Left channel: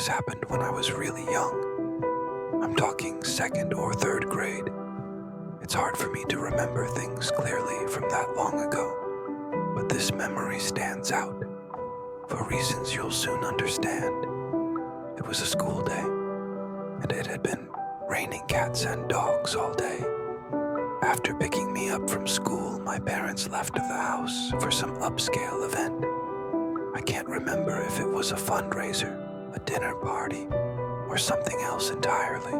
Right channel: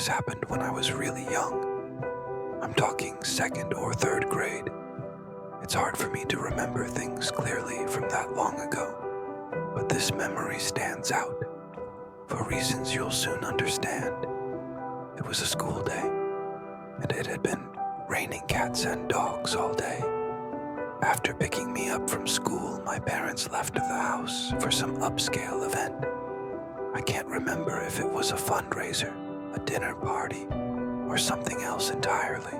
This happened when I was really young. I'm talking second or third grade. It's hard for me to remember things clearly from that long ago, but this memory stands out for reasons you'll soon understand. It was a school day, and it had been raining cats and dogs all day. After picking me up from school, my parents left the house for some upscale event. I can't remember if it was a fundraiser, a dinner party, or something else entirely.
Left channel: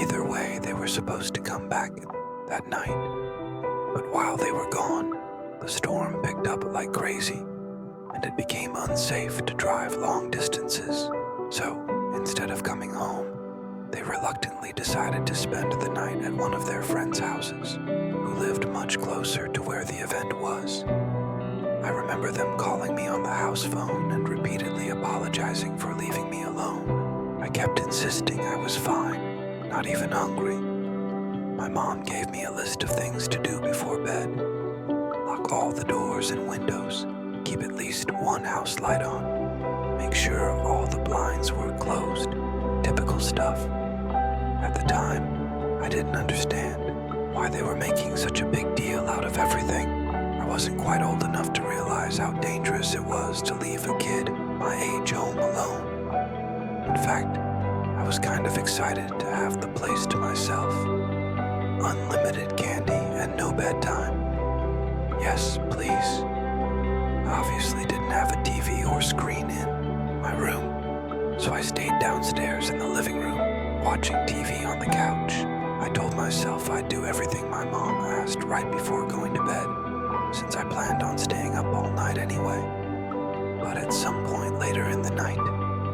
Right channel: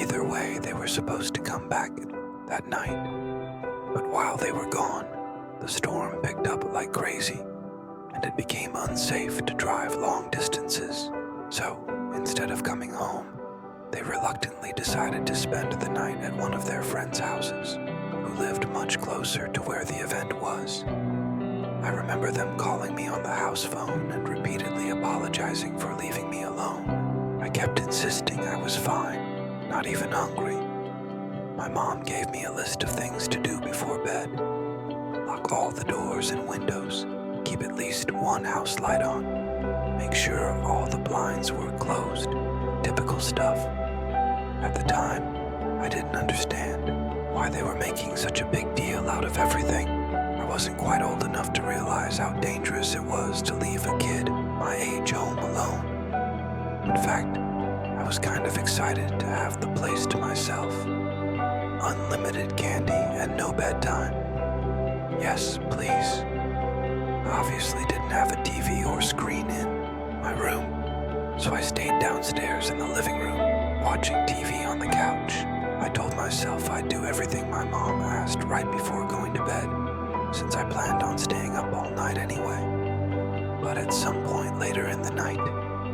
Either way, they were supposed to come back that night. But while they were gone, the storm picked up like crazy, and it became unsafe to drive long distances. So, instead of coming home, they reluctantly decided to spend the night at one of their friends' houses, who lived much closer to where the event was. I remember them calling me on the house phone and repeatedly apologizing for leaving me alone. I kept insisting I was fine, not even hungry. My mom gave me a list of things to do before bed. Lock all the doors and windows, keep at least one house light on, make sure all the blinds were closed, typical stuff. At the time, I didn't understand why they were making such a big deal out of everything. I wasn't quite old enough to realize how dangerous it was to leave a kid my age home alone. In fact, I was kind of excited to have the place to myself. Unlimited candy and no bedtime. Yes, please. I obviously didn't have a TV or screen in my room, so I stayed downstairs in the living room, watching TV on the couch. I told myself I'd do everything my mom asked right before going to bed, since I planned on staying up all night anyway. But at some point later in the night,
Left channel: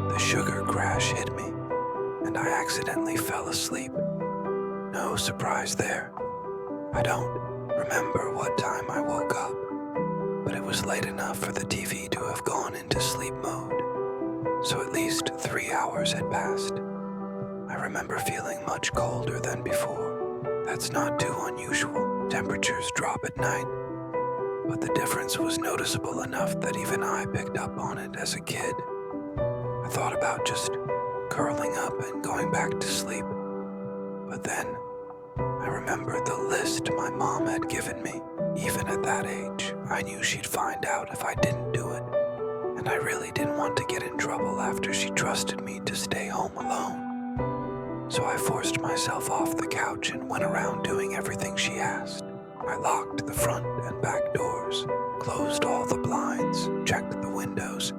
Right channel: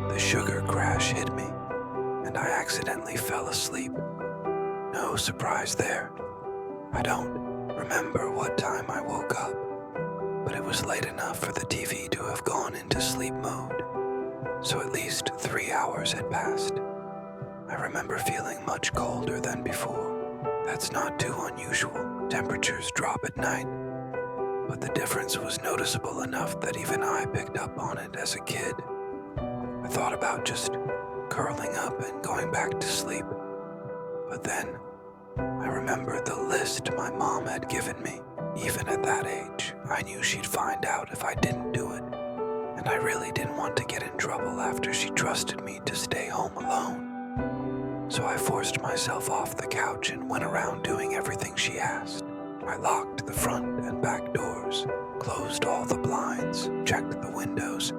the sugar crash hit me, and I accidentally fell asleep. No surprise there. I don't remember what time I woke up, but it was late enough for the TV to have gone into sleep mode, so at least 3 hours had passed. I remember feeling much colder than before. That's not too unusual. Temperatures drop at night, but the difference was noticeable enough that even I picked up on it as a kid. I thought about just curling up and going back to sleep, but then I remembered the list my mom had given me. Even at that age, I knew she'd find out if I didn't do it, and I really didn't want to get in trouble after she trusted me to stay home alone. So I forced myself off the couch and went around doing everything she asked. I locked the front and back doors, closed all the blinds, checked the windows,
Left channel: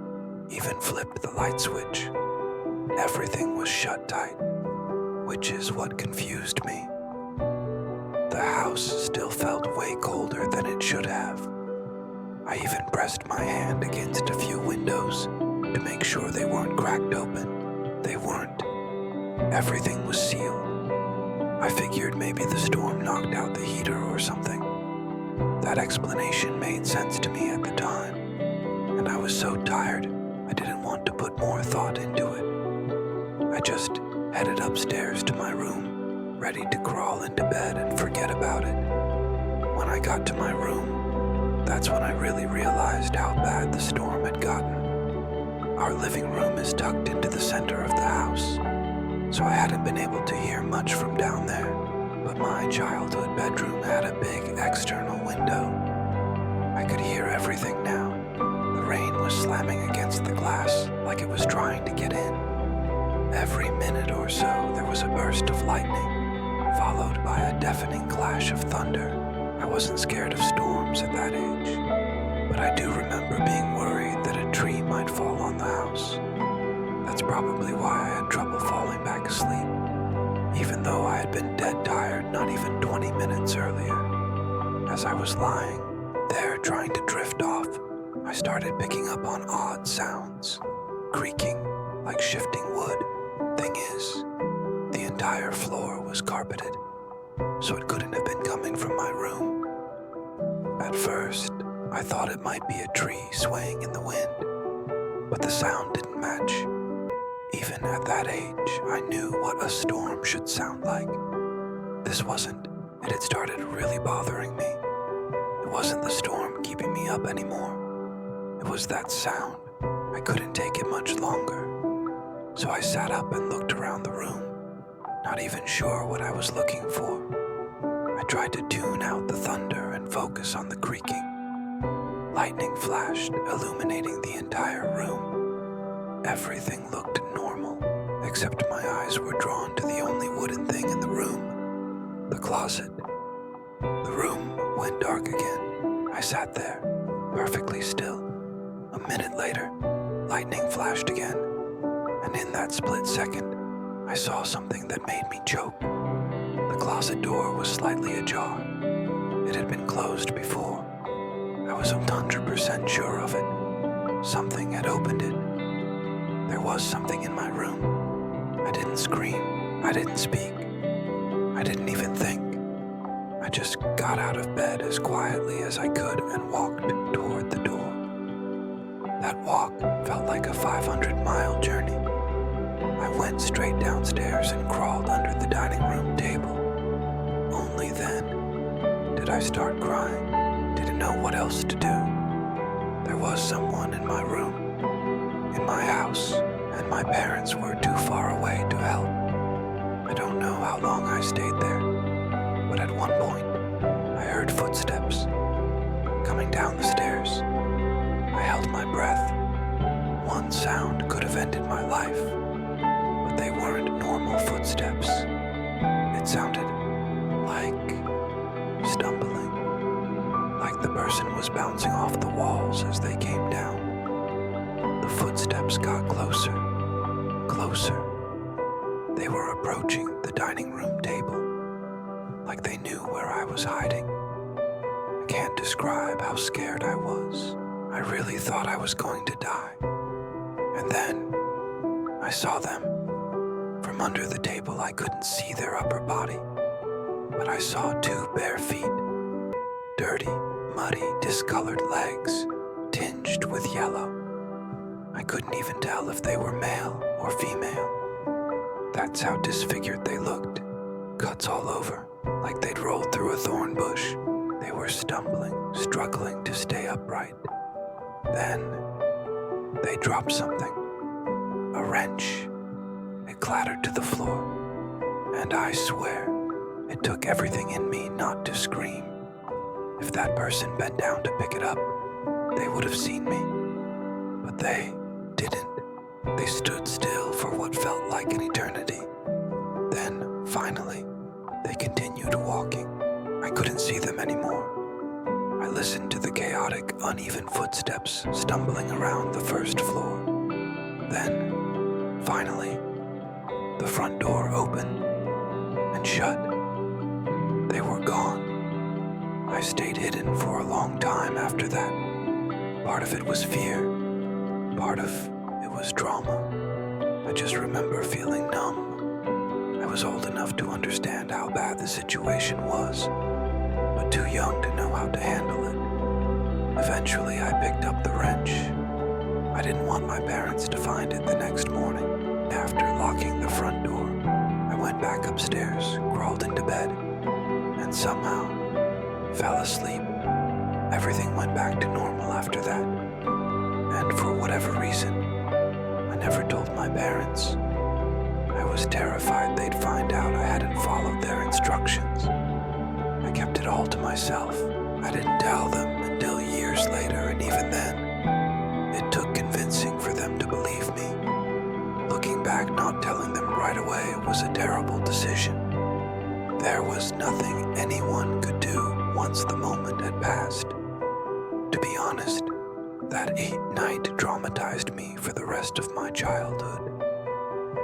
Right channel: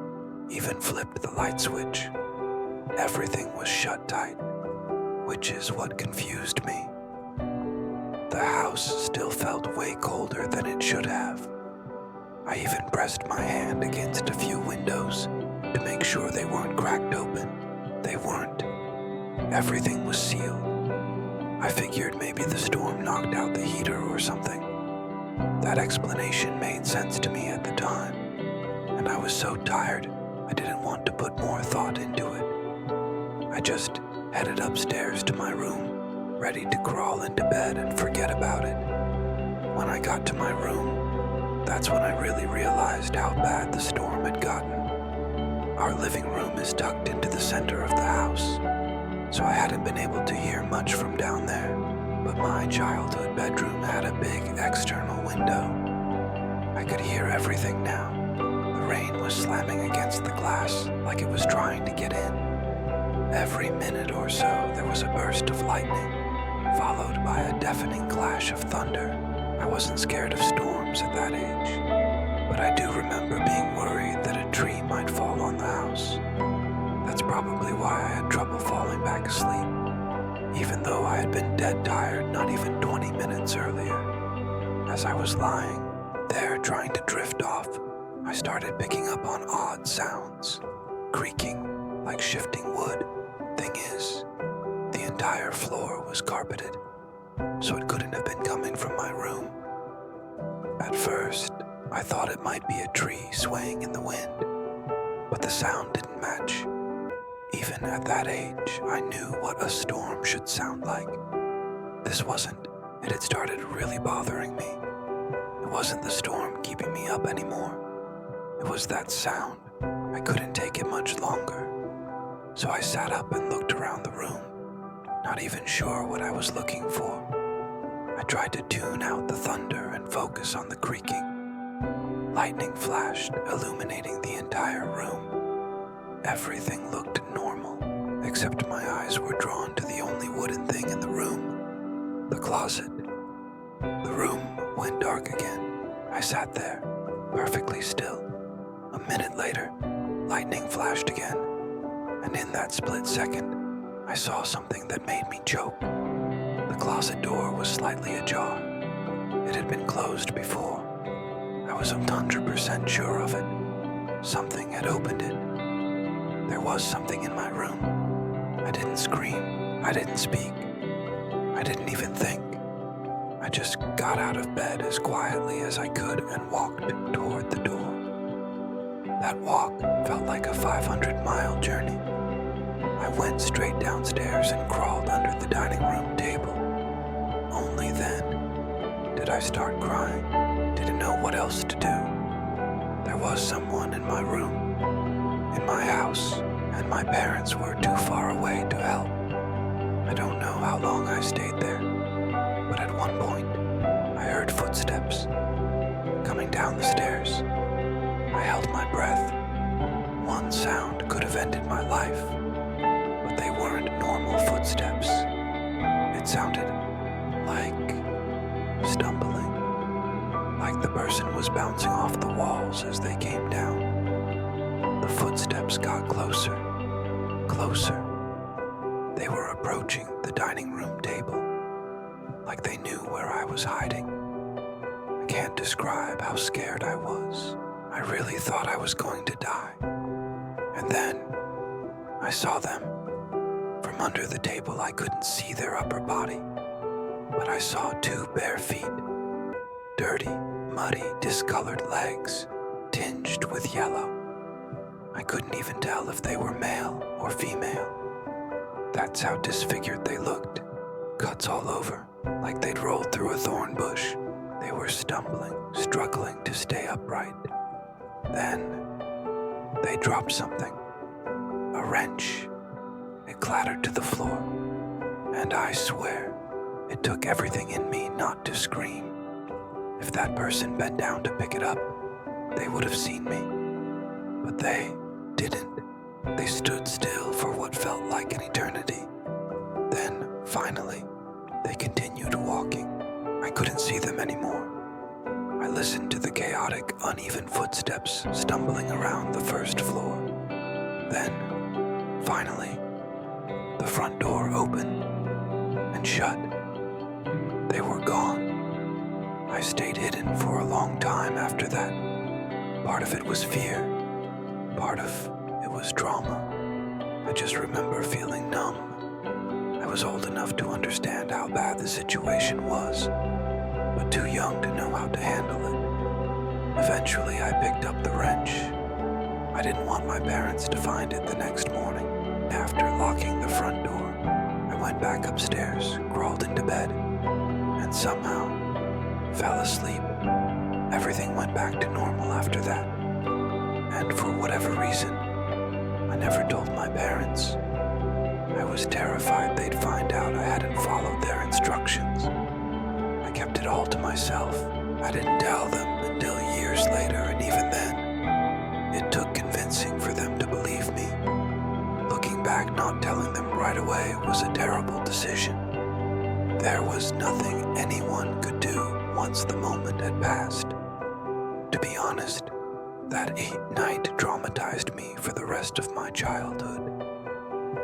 even flipped the light switch. Everything was shut tight, which is what confused me. The house still felt way colder than it should have. I even pressed my hand against a few windows to make sure they weren't cracked open. They weren't. Everything was sealed. I figured maybe the storm knocked out the heater or something. That explanation made sense to me at the time, and I was so tired I didn't want to put more thought into it. I just headed upstairs to my room, ready to crawl into bed and forget about it. When I got to my room, that's when I really realized how bad the storm had gotten. Our living room is tucked into the center of the house, so I hadn't been able to hear much from down there, but my childhood bedroom had a big external window. I could hear everything now. The rain was slamming against the glass like it was trying to get in. Every minute or so, there was a burst of lightning, followed by a deafening clash of thunder. I wasn't scared of storms at that age, but I do remember being worried that a tree might fall on the house. That's probably why I had trouble falling back asleep, even though I had been dead tired not even 20 minutes earlier. As I was lying there trying to drift off, I started picking up on odd sounds, creaking like shifting wood. Thing is, the entire floor was carpeted, so it couldn't have been coming from my room. At first, I thought it might be a tree swaying in the wind, but the sound didn't match. Even at that age, I knew what a storm should sound like. This wasn't. It had started really bothering me. It wasn't the storm keeping me up anymore. It was that sound. I couldn't take it much longer. So I sat up and looked around the room, not even sure what I was looking for. I tried to tune out the thunder and focus on the creaking. Lightning flashed, illuminating the entire room. Everything looked normal, except my eyes were drawn to the only wooden thing in the room, the closet. The room went dark again. I sat there, perfectly still. A minute later, lightning flashed again, and in that split second, I saw something that made me choke. The closet door was slightly ajar. It had been closed before. I was 100% sure of it. Something had opened it. There was something in my room. I didn't scream. I didn't speak. I didn't even think. I just got out of bed as quietly as I could and walked toward the door. That walk felt like a 500-mile journey. I went straight downstairs and crawled under the dining room table. Only then did I start crying. Didn't know what else to do. There was someone in my room, in my house, and my parents were too far away to help. I don't know how long I stayed there, but at one point, I heard footsteps coming down the stairs. I held my breath. One sound could have ended my life, but they weren't normal footsteps. It sounded like stumbling, like the person was bouncing off the walls as they came down. The footsteps got closer, closer. They were approaching the dining room table, like they knew where I was hiding. I can't describe how scared I was. I really thought I was going to die. And then I saw them. From under the table, I couldn't see their upper body, but I saw 2 bare feet, dirty, muddy, discolored legs, tinged with yellow. I couldn't even tell if they were male or female. That's how disfigured they looked. Cuts all over, like they'd rolled through a thorn bush. They were stumbling, struggling to stay upright. Then they dropped something. A wrench. It clattered to the floor. And I swear, it took everything in me not to scream. If that person bent down to pick it up, they would have seen me. But they didn't. They stood still for what felt like an eternity. Then, finally, they continued walking. I couldn't see them anymore. I listened to the chaotic, uneven footsteps stumbling around the first floor. Then, finally, the front door opened and shut. They were gone. I stayed hidden for a long time after that. Part of it was fear. Part of it was drama. I just remember feeling numb. I was old enough to understand how bad the situation was, but too young to know how to handle it. Eventually, I picked up the wrench. I didn't want my parents to find it the next morning. After locking the front door, I went back upstairs, crawled into bed, and somehow fell asleep. Everything went back to normal after that. And for whatever reason, I never told my parents. I was terrified they'd find out I hadn't followed their instructions. I kept it all to myself. I didn't tell them until years later, and even then, it took convincing for them to believe me. Looking back, not telling them right away was a terrible decision. There was nothing anyone could do once the moment had passed. To be honest, that night traumatized me for the rest of my childhood.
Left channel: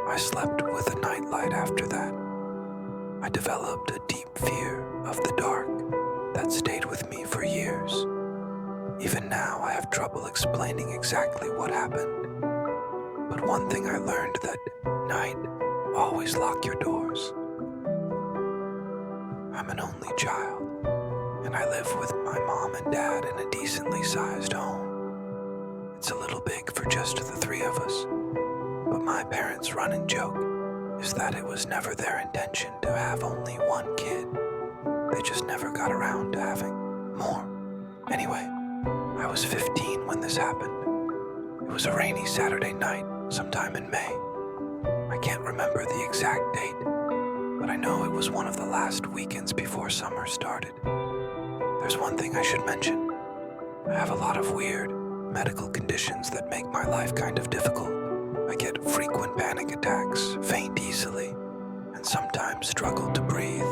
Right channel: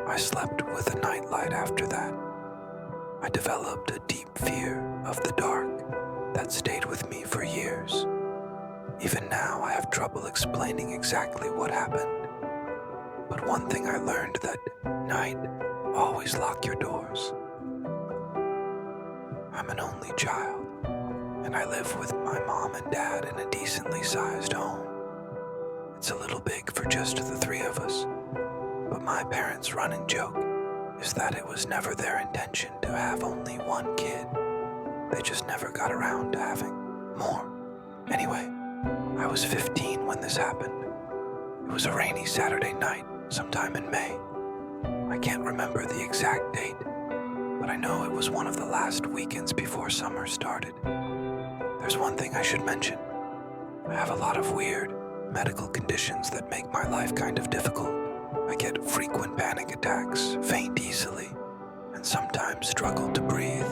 I slept with a nightlight after that. I developed a deep fear of the dark that stayed with me for years. Even now, I have trouble explaining exactly what happened. But one thing I learned that night, always lock your doors. I'm an only child, and I live with my mom and dad in a decently sized home. It's a little big for just the 3 of us, but my parents' running joke is that it was never their intention to have only 1 kid. They just never got around to having more. Anyway, I was 15 when this happened. It was a rainy Saturday night, sometime in May. I can't remember the exact date, but I know it was one of the last weekends before summer started. There's one thing I should mention. I have a lot of weird medical conditions that make my life kind of difficult. I get frequent panic attacks, faint easily, and sometimes struggle to breathe.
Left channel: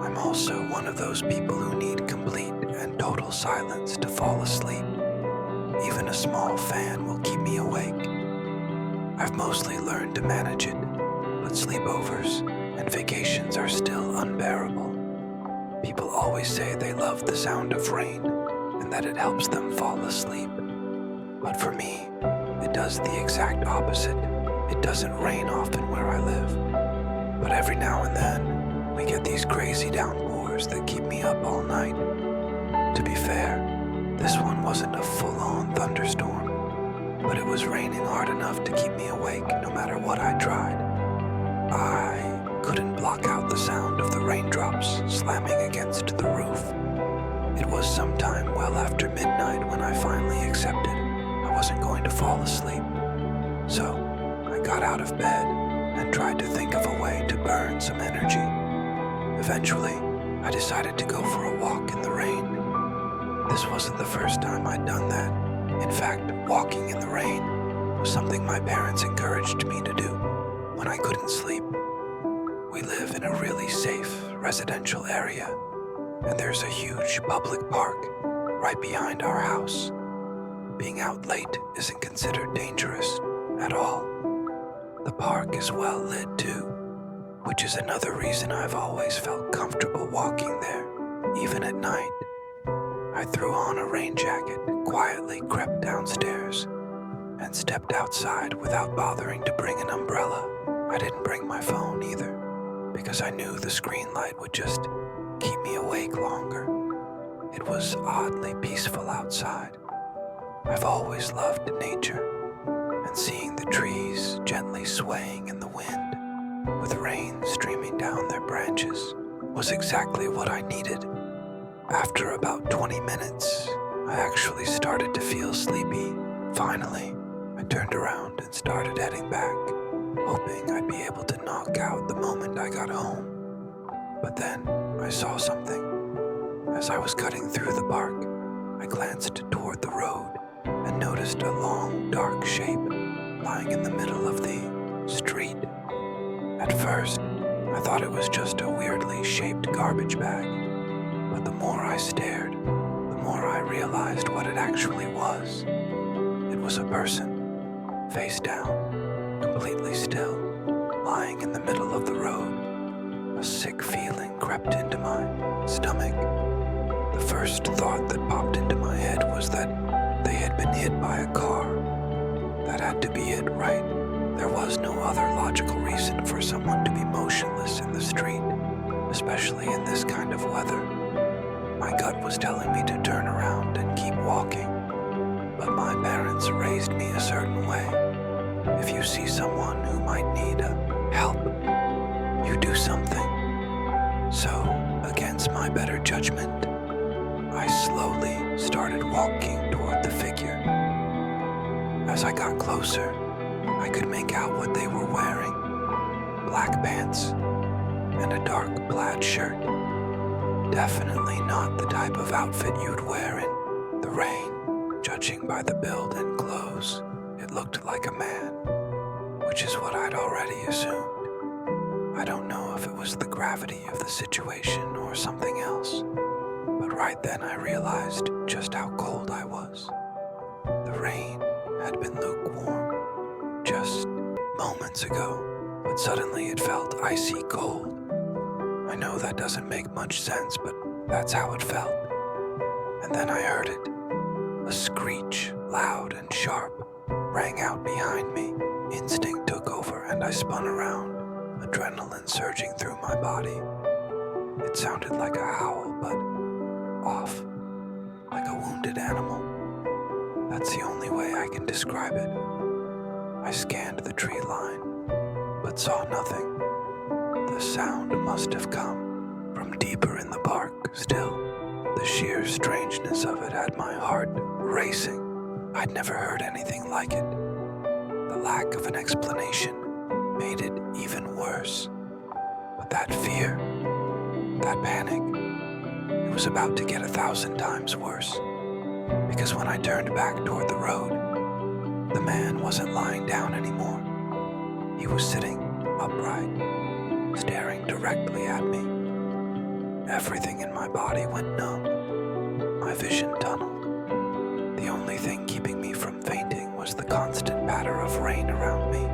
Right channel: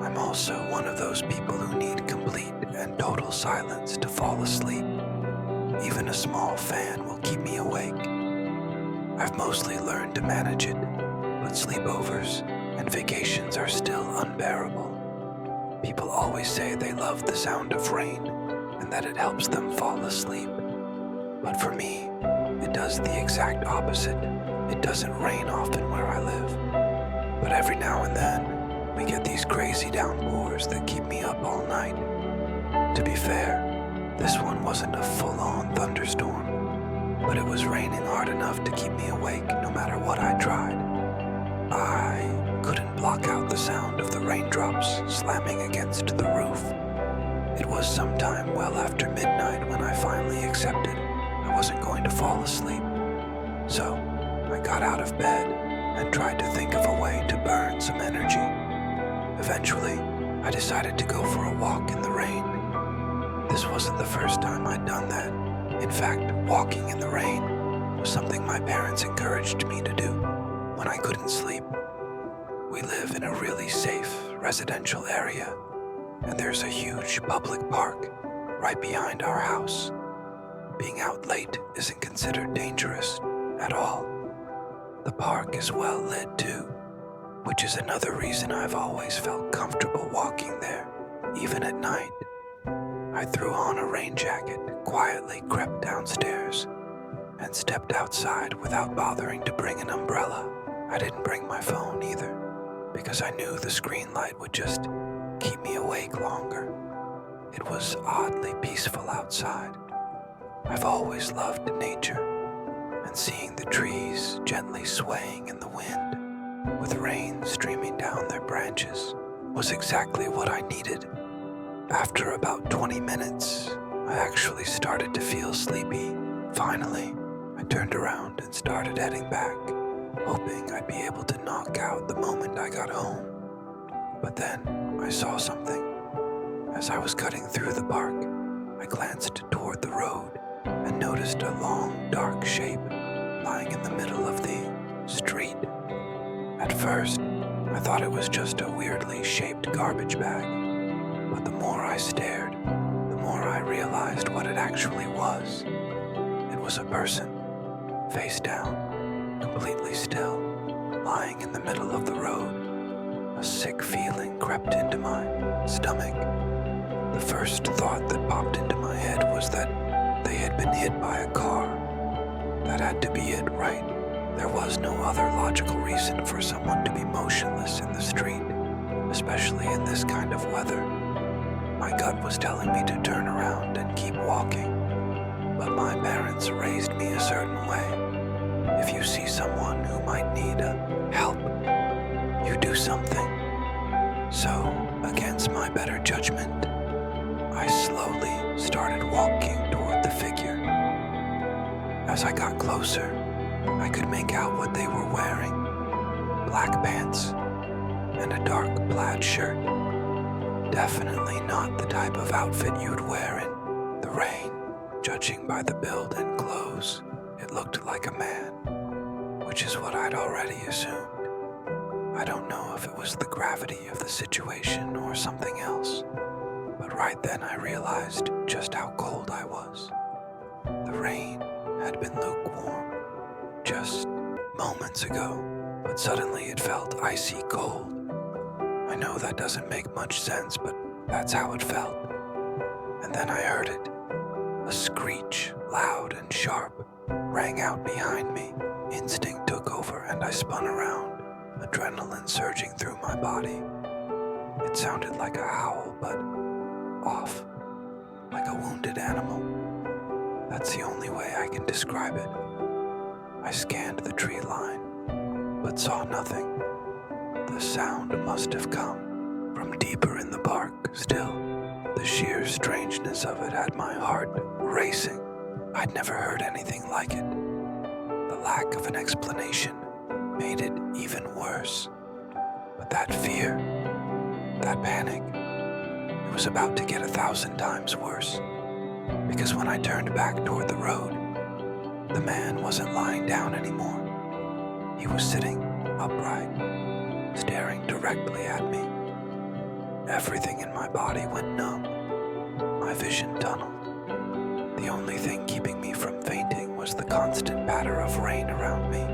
I'm also one of those people who need complete and total silence to fall asleep. Even a small fan will keep me awake. I've mostly learned to manage it, but sleepovers and vacations are still unbearable. People always say they love the sound of rain and that it helps them fall asleep. But for me, it does the exact opposite. It doesn't rain often where I live, but every now and then, we get these crazy downpours that keep me up all night. To be fair, this one wasn't a full-on thunderstorm, but it was raining hard enough to keep me awake no matter what I tried. I couldn't block out the sound of the raindrops slamming against the roof. It was sometime well after midnight when I finally accepted I wasn't going to fall asleep. So, I got out of bed and tried to think of a way to burn some energy. Eventually, I decided to go for a walk in the rain. This wasn't the first time I'd done that. In fact, walking in the rain was something my parents encouraged me to do when I couldn't sleep. We live in a really safe residential area, and there's a huge public park right behind our house. Being out late isn't considered dangerous at all. The park is well lit too, which is another reason I've always felt comfortable walking there, even at night. I threw on a rain jacket, quietly crept downstairs, and stepped outside without bothering to bring an umbrella. I didn't bring my phone either, because I knew the screen light would just keep me awake longer. It was oddly peaceful outside. I've always loved nature, and seeing the trees gently swaying in the wind, with rain streaming down their branches, was exactly what I needed. After about 20 minutes, I actually started to feel sleepy. Finally, I turned around and started heading back, hoping I'd be able to knock out the moment I got home. But then I saw something. As I was cutting through the park, I glanced toward the road and noticed a long, dark shape lying in the middle of the street. At first, I thought it was just a weirdly shaped garbage bag, but the more I stared, the more I realized what it actually was. It was a person, face down, completely still, lying in the middle of the road. A sick feeling crept into my stomach. The first thought that popped into my head was that they had been hit by a car. That had to be it, right? There was no other logical reason for someone to be motionless in the street, especially in this kind of weather. My gut was telling me to turn around and keep walking, but my parents raised me a certain way. If you see someone who might need help, you do something. So, against my better judgment, I slowly started walking toward the figure. As I got closer, I could make out what they were wearing: black pants and a dark plaid shirt. Definitely not the type of outfit you'd wear in the rain. Judging by the build and clothes, it looked like a man, which is what I'd already assumed. I don't know if it was the gravity of the situation or something else, but right then I realized just how cold I was. The rain had been lukewarm just moments ago, but suddenly it felt icy cold. I know that doesn't make much sense, but that's how it felt. And then I heard it. A screech, loud and sharp, rang out behind me. Instinct took over and I spun around, adrenaline surging through my body. It sounded like a howl, but off, like a wounded animal. That's the only way I can describe it. I scanned the tree line, but saw nothing. The sound must have come from deeper in the park. Still, the sheer strangeness of it had my heart racing. I'd never heard anything like it. The lack of an explanation worse. But that fear, that panic, it was about to get 1,000 times worse. Because when I turned back toward the road, the man wasn't lying down anymore. He was sitting upright, staring directly at me. Everything in my body went numb. My vision tunneled. The only thing keeping me from fainting was the constant patter of rain around me.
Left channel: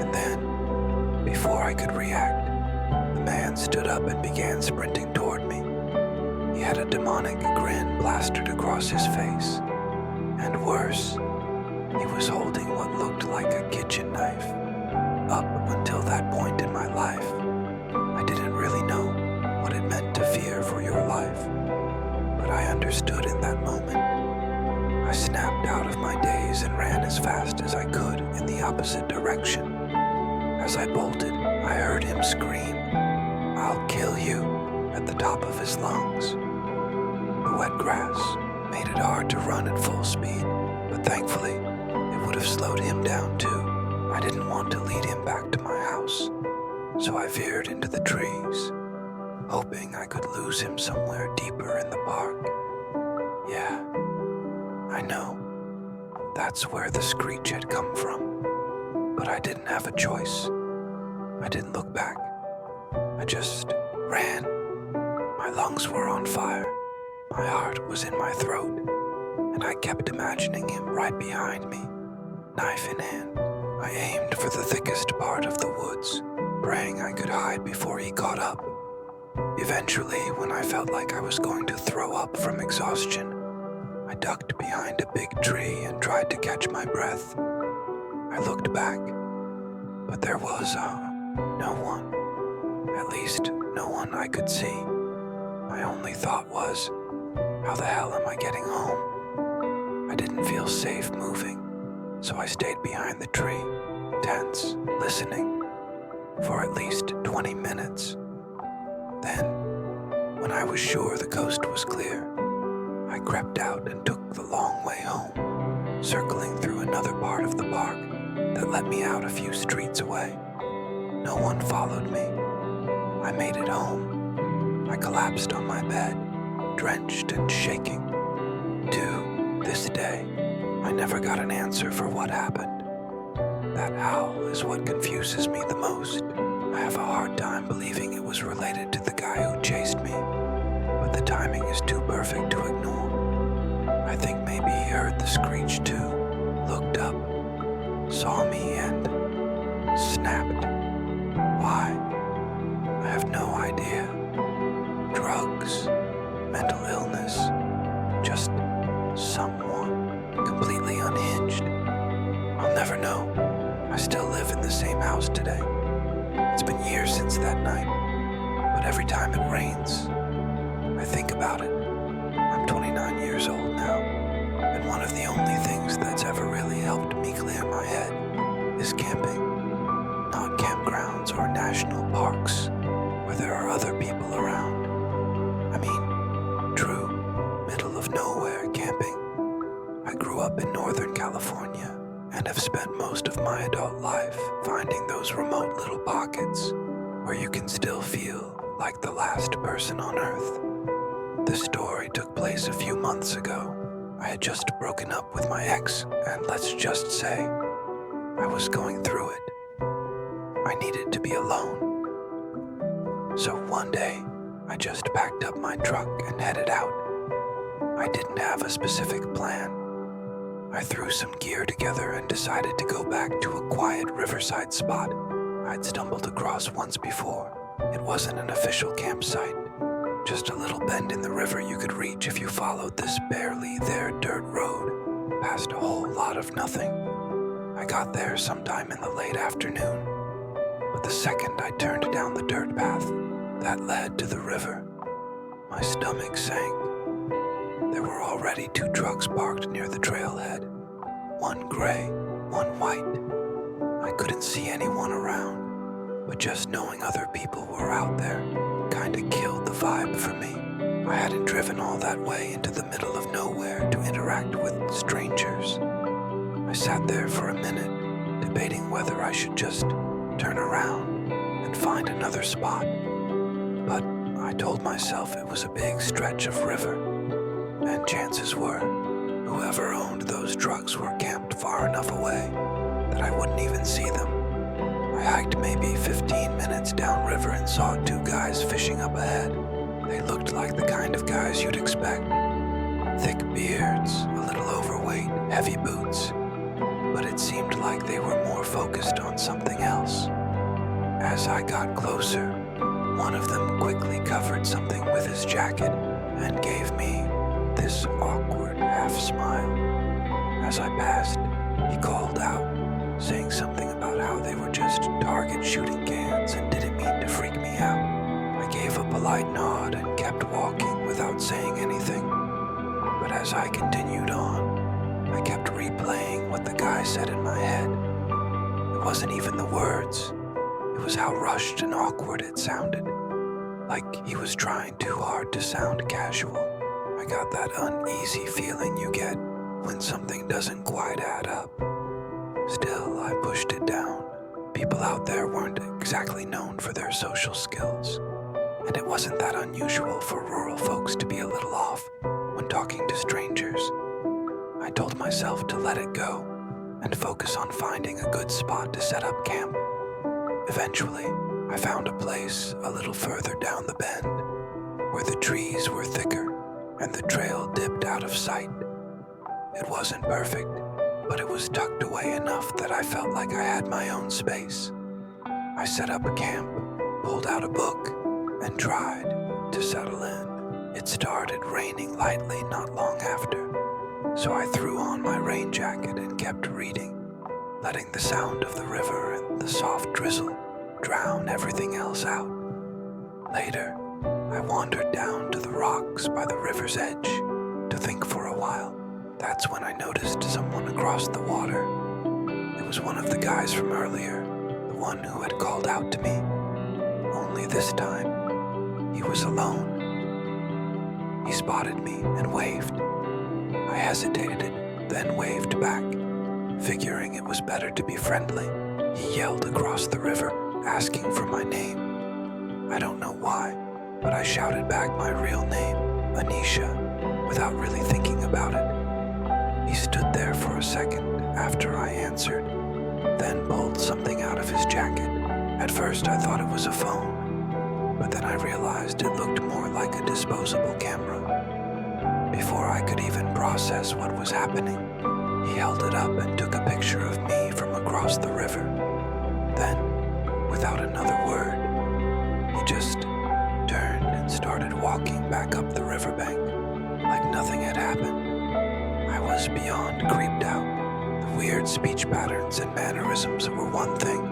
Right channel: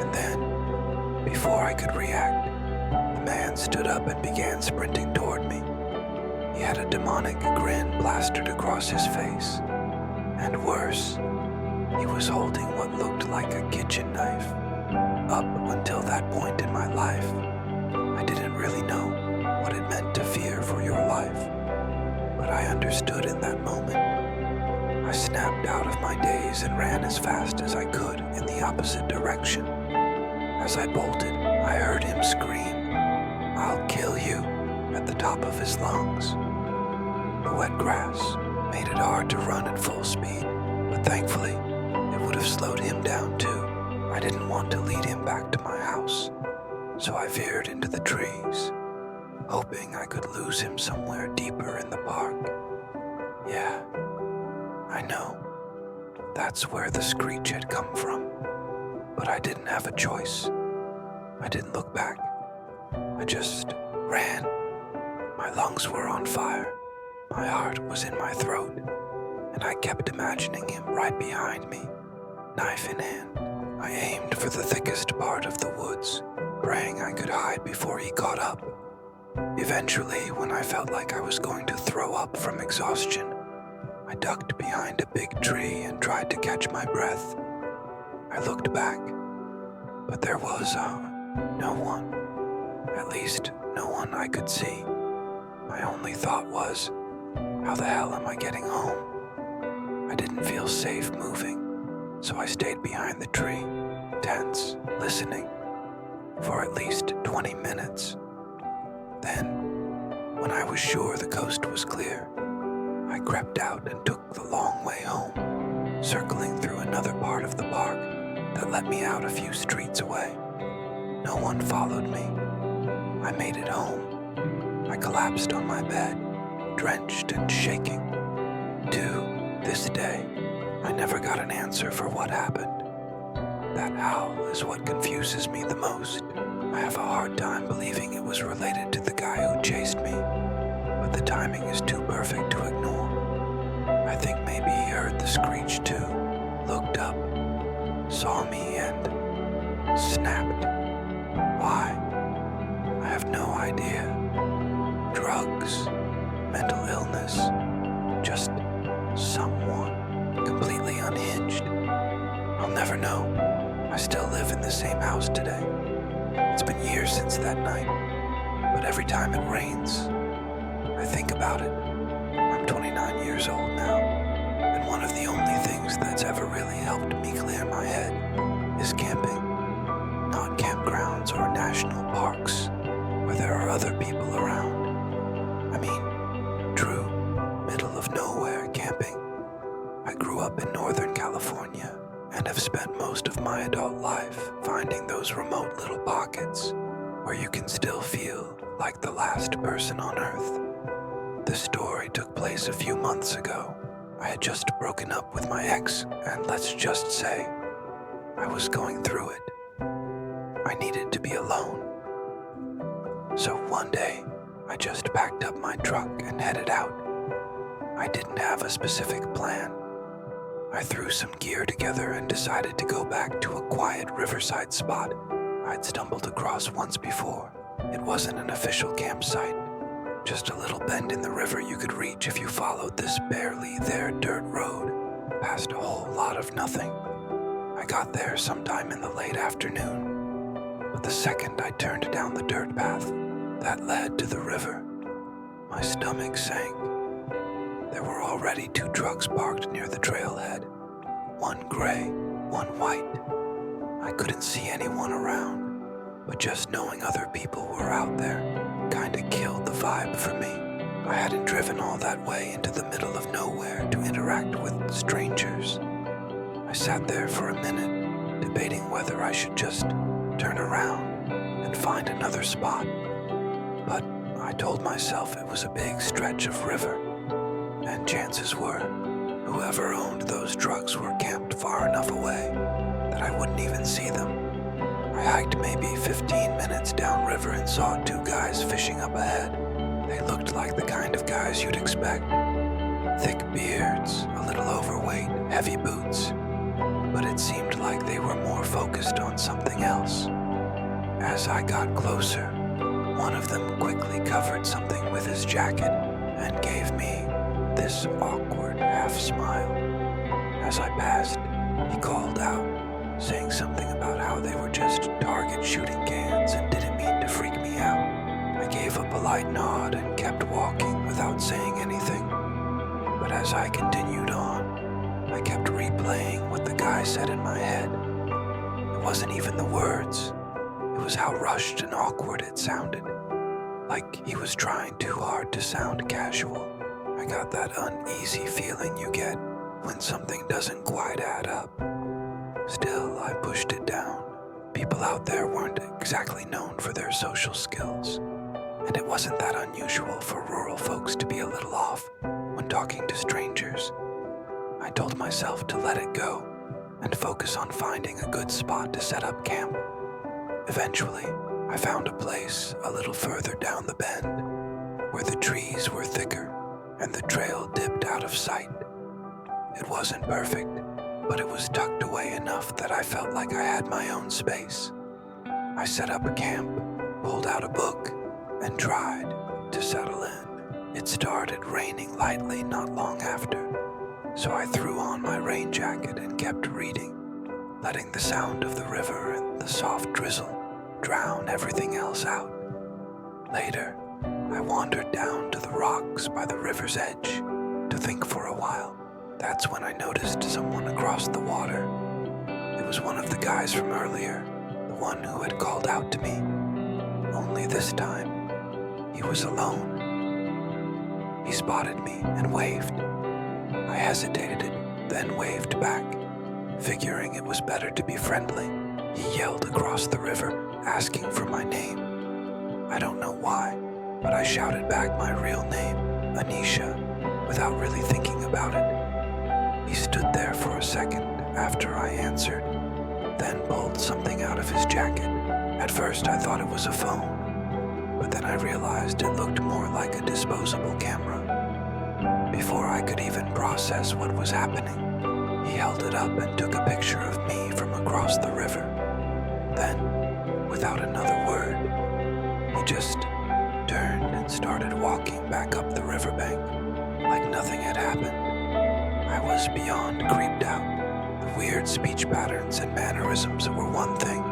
And then, before I could react, the man stood up and began sprinting toward me. He had a demonic grin plastered across his face. And worse, he was holding what looked like a kitchen knife. Up until that point in my life, I didn't really know what it meant to fear for your life. But I understood in that moment. I snapped out of my daze and ran as fast as I could in the opposite direction. As I bolted, I heard him scream, "I'll kill you," at the top of his lungs. The wet grass made it hard to run at full speed, but thankfully, it would have slowed him down too. I didn't want to lead him back to my house, so I veered into the trees, hoping I could lose him somewhere deeper in the park. Yeah, I know, that's where the screech had come from, but I didn't have a choice. I didn't look back. I just ran. My lungs were on fire. My heart was in my throat, and I kept imagining him right behind me, knife in hand. I aimed for the thickest part of the woods, praying I could hide before he caught up. Eventually, when I felt like I was going to throw up from exhaustion, I ducked behind a big tree and tried to catch my breath. I looked back, but there was no one. At least, no one I could see. My only thought was, how the hell am I getting home? I didn't feel safe moving, so I stayed behind the tree, tense, listening, for at least 20 minutes. Then, when I was sure the coast was clear, I crept out and took the long way home, circling through another part of the park that let me out a few streets away. No one followed me. I made it home. I collapsed on my bed, drenched and shaking. To this day, I never got an answer for what happened. That howl is what confuses me the most. I have a hard time believing it was related to the guy who chased me, but the timing is too perfect to ignore. I think maybe he heard the screech too, looked up, saw me, and snapped. Why? I have no idea. Drugs, mental illness, just someone completely unhinged. I'll never know. I still live in the same house today. It's been years since that night, but every time it rains, I think about it. I'm 29 years old now, and one of the only things that's ever really helped me clear my head is camping. Not campgrounds or national parks where there are other people around. I mean, true, middle of nowhere camping. I grew up in Northern California and have spent most of my adult life finding those remote little pockets where you can still feel like the last person on Earth. This story took place a few months ago. I had just broken up with my ex, and let's just say, I was going through it. I needed to be alone. So one day, I just packed up my truck and headed out. I didn't have a specific plan. I threw some gear together and decided to go back to a quiet riverside spot I'd stumbled across once before. It wasn't an official campsite, just a little bend in the river you could reach if you followed this barely there dirt road past a whole lot of nothing. I got there sometime in the late afternoon, but the second I turned down the dirt path that led to the river, my stomach sank. There were already 2 trucks parked near the trailhead, one gray, one white. I couldn't see anyone around, but just knowing other people were out there kinda killed the vibe for me. I hadn't driven all that way into the middle of nowhere to interact with strangers. I sat there for a minute, debating whether I should just turn around and find another spot. But I told myself it was a big stretch of river, and chances were whoever owned those trucks were camped far enough away that I wouldn't even see them. I hiked maybe 15 minutes downriver and saw two guys fishing up ahead. They looked like the kind of guys you'd expect. Thick beards, a little overweight, heavy boots. But it seemed like they were more focused on something else. As I got closer, one of them quickly covered something with his jacket and gave me this awkward half-smile. As I passed, he called out, saying something about how they were just target shooting cans and didn't mean to freak me out. I gave a polite nod and kept walking without saying anything. But as I continued on, I kept replaying what the guy said in my head. It wasn't even the words. It was how rushed and awkward it sounded. Like he was trying too hard to sound casual. I got that uneasy feeling you get when something doesn't quite add up. Still, I pushed it down. People out there weren't exactly known for their social skills, and it wasn't that unusual for rural folks to be a little off when talking to strangers. I told myself to let it go and focus on finding a good spot to set up camp. Eventually, I found a place a little further down the bend where the trees were thicker and the trail dipped out of sight. It wasn't perfect, but it was tucked away enough that I felt like I had my own space. I set up a camp, pulled out a book, and tried to settle in. It started raining lightly not long after, so I threw on my rain jacket and kept reading, letting the sound of the river and the soft drizzle drown everything else out. Later, I wandered down to the rocks by the river's edge to think for a while. That's when I noticed someone across the water. It was one of the guys from earlier, the one who had called out to me. Only this time, he was alone. He spotted me and waved. I hesitated, then waved back, figuring it was better to be friendly. He yelled across the river, asking for my name. I don't know why, but I shouted back my real name, Anisha, without really thinking about it. He stood there for a second after I answered, then pulled something out of his jacket. At first I thought it was a phone, but then I realized it looked more like a disposable camera. Before I could even process what was happening, he held it up and took a picture of me from across the river. Then, without another word, he just turned and started walking back up the riverbank like nothing had happened. I was beyond creeped out. The weird speech patterns and mannerisms were one thing,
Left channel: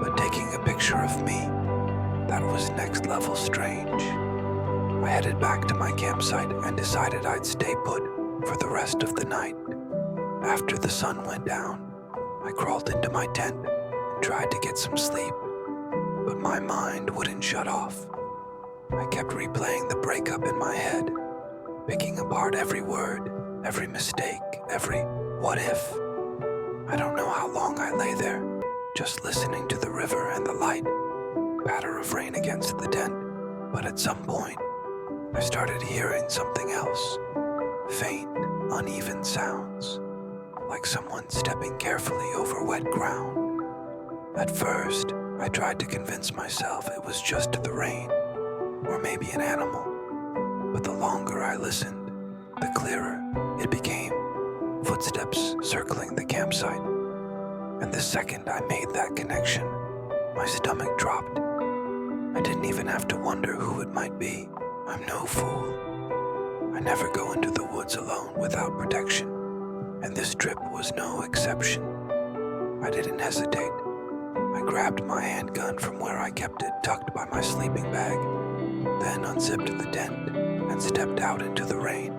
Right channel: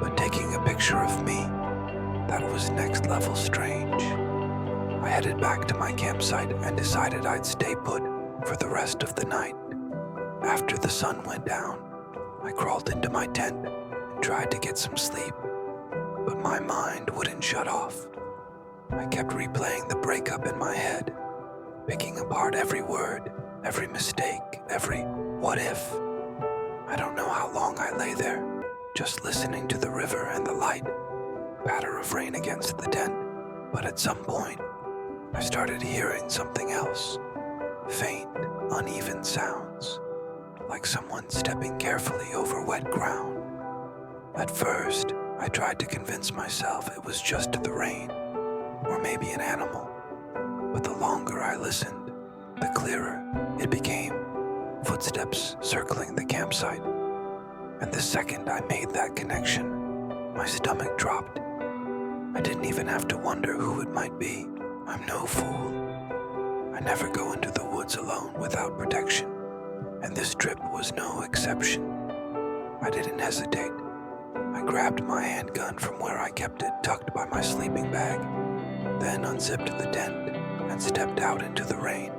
but taking a picture of me, that was next level strange. I headed back to my campsite and decided I'd stay put for the rest of the night. After the sun went down, I crawled into my tent and tried to get some sleep, but my mind wouldn't shut off. I kept replaying the breakup in my head, picking apart every word, every mistake, every what if. I don't know how long I lay there, just listening to the river and the light patter of rain against the tent. But at some point, I started hearing something else. Faint, uneven sounds, like someone stepping carefully over wet ground. At first, I tried to convince myself it was just the rain, or maybe an animal. But the longer I listened, the clearer it became. Footsteps circling the campsite. And the second I made that connection, my stomach dropped. I didn't even have to wonder who it might be. I'm no fool. I never go into the woods alone without protection, and this trip was no exception. I didn't hesitate. I grabbed my handgun from where I kept it tucked by my sleeping bag, then unzipped the tent and stepped out into the rain.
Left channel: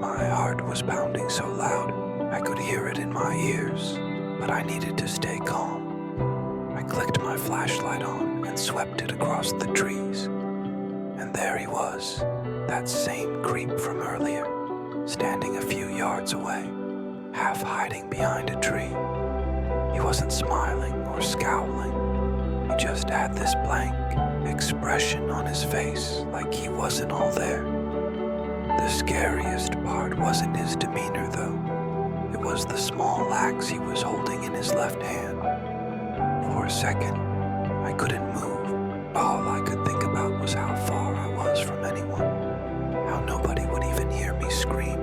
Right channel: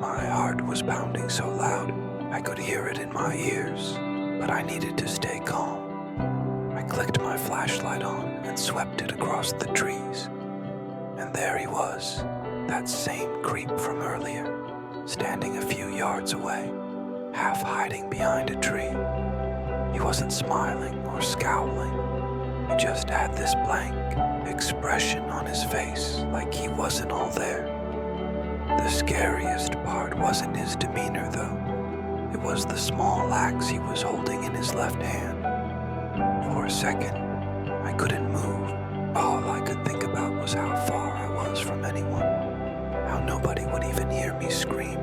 My heart was pounding so loud I could hear it in my ears, but I needed to stay calm. I clicked my flashlight on and swept it across the trees. And there he was, that same creep from earlier, standing a few yards away, half hiding behind a tree. He wasn't smiling or scowling. He just had this blank expression on his face, like he wasn't all there. The scariest part wasn't his demeanor, though. It was the small axe he was holding in his left hand. For a second, I couldn't move. All I could think about was how far I was from anyone, how nobody would even hear me scream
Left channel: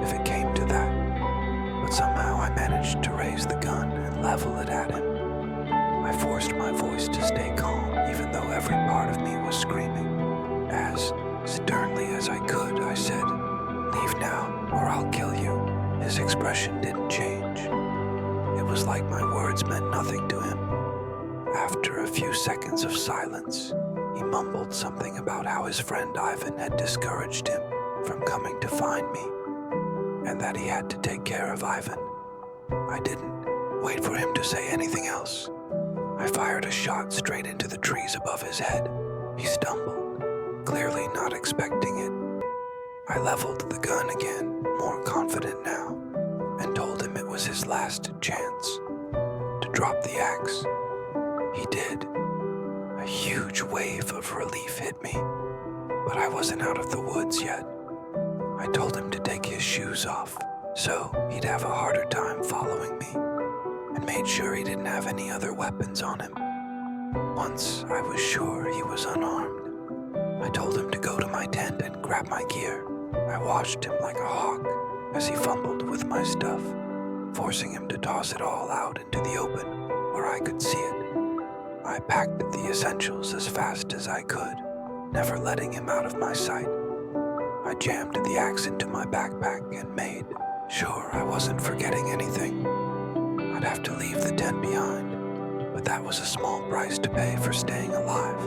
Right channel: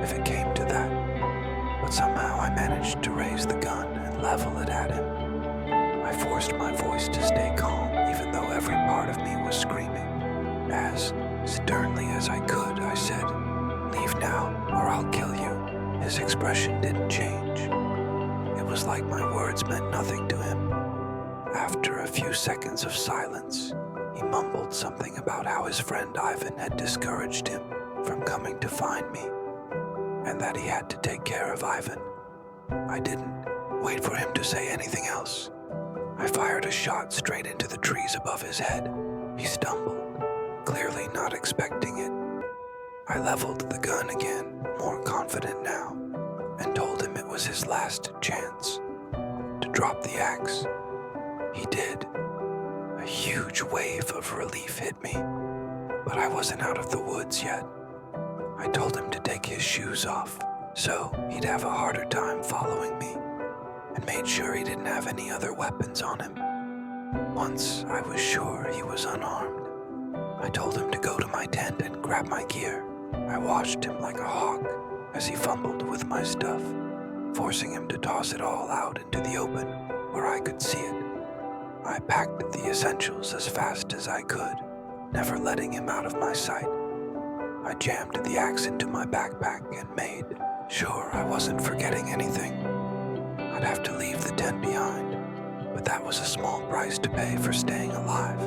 if it came to that. But somehow I managed to raise the gun and level it at him. I forced my voice to stay calm, even though every part of me was screaming. As sternly as I could, I said, "Leave now, or I'll kill you." His expression didn't change. It was like my words meant nothing to him. After a few seconds of silence, he mumbled something about how his friend Ivan had discouraged him from coming to find me, and that he had to take care of Ivan. I didn't wait for him to say anything else. I fired a shot straight into the trees above his head. He stumbled, clearly not expecting it. I leveled the gun again, more confident now, and told him it was his last chance to drop the axe. He did. A huge wave of relief hit me, but I wasn't out of the woods yet. I told him to take his shoes off, so he'd have a harder time following me, and made sure he didn't have any other weapons on him. Once I was sure he was unarmed, I told him to go to my tent and grab my gear. I watched him like a hawk as he fumbled with my stuff, forcing him to toss it all out into the open where I could see it. I packed the essentials as fast as I could, never letting him out of my sight. I jammed the axe into my backpack and made sure I wasn't forgetting anything. I'd have to leave the tent behind, but that was a small price to pay for staying alive.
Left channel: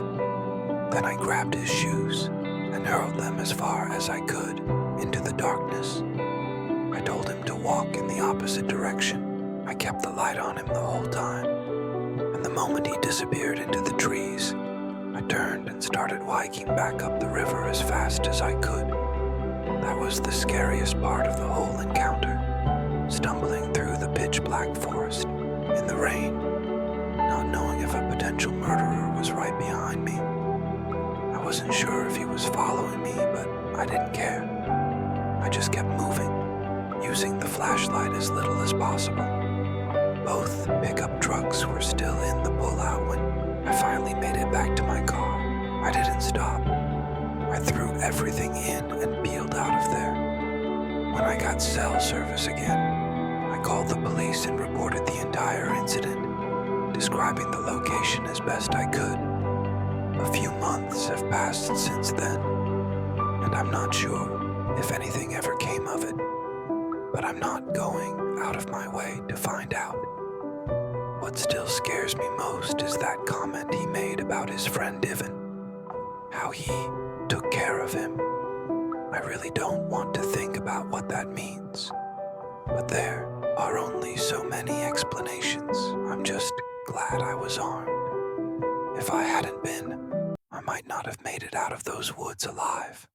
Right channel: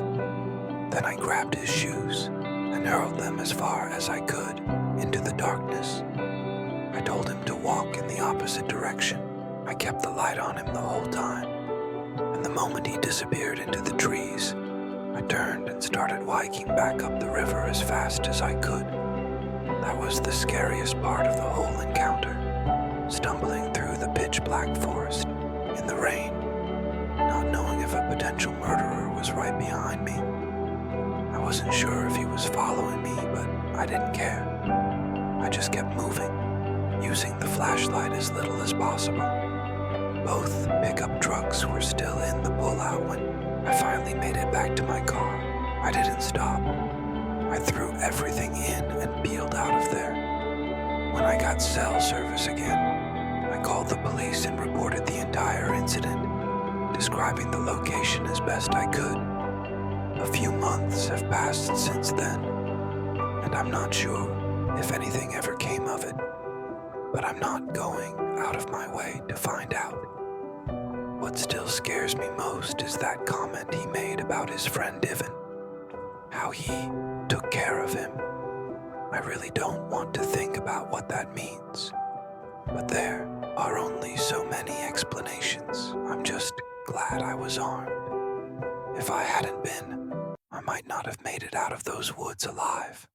Then I grabbed his shoes and hurled them as far as I could into the darkness. I told him to walk in the opposite direction. I kept the light on him the whole time, and the moment he disappeared into the trees, I turned and started hiking back up the river as fast as I could. That was the scariest part of the whole encounter, stumbling through the pitch-black forest in the rain, not knowing if a potential murderer was right behind me. I wasn't sure if he was following me, but I didn't care. I just kept moving, using the flashlight as little as possible. Both pickup trucks were still in the pullout when I finally made it back to my car. I didn't stop. I threw everything in and peeled out of there. When I got cell service again, I called the police and reported the entire incident, describing the location as best I could. A few months have passed since then, and I'm not sure if anything ever came of it, but I'm not going out of my way to find out. What still scares me most is that comment he made about his friend Ivan, how he took care of him. I really don't want to think about what that means, but there are only so many explanations. I'm just glad I was armed. If I hadn't been, I might not have made it out of those woods alive.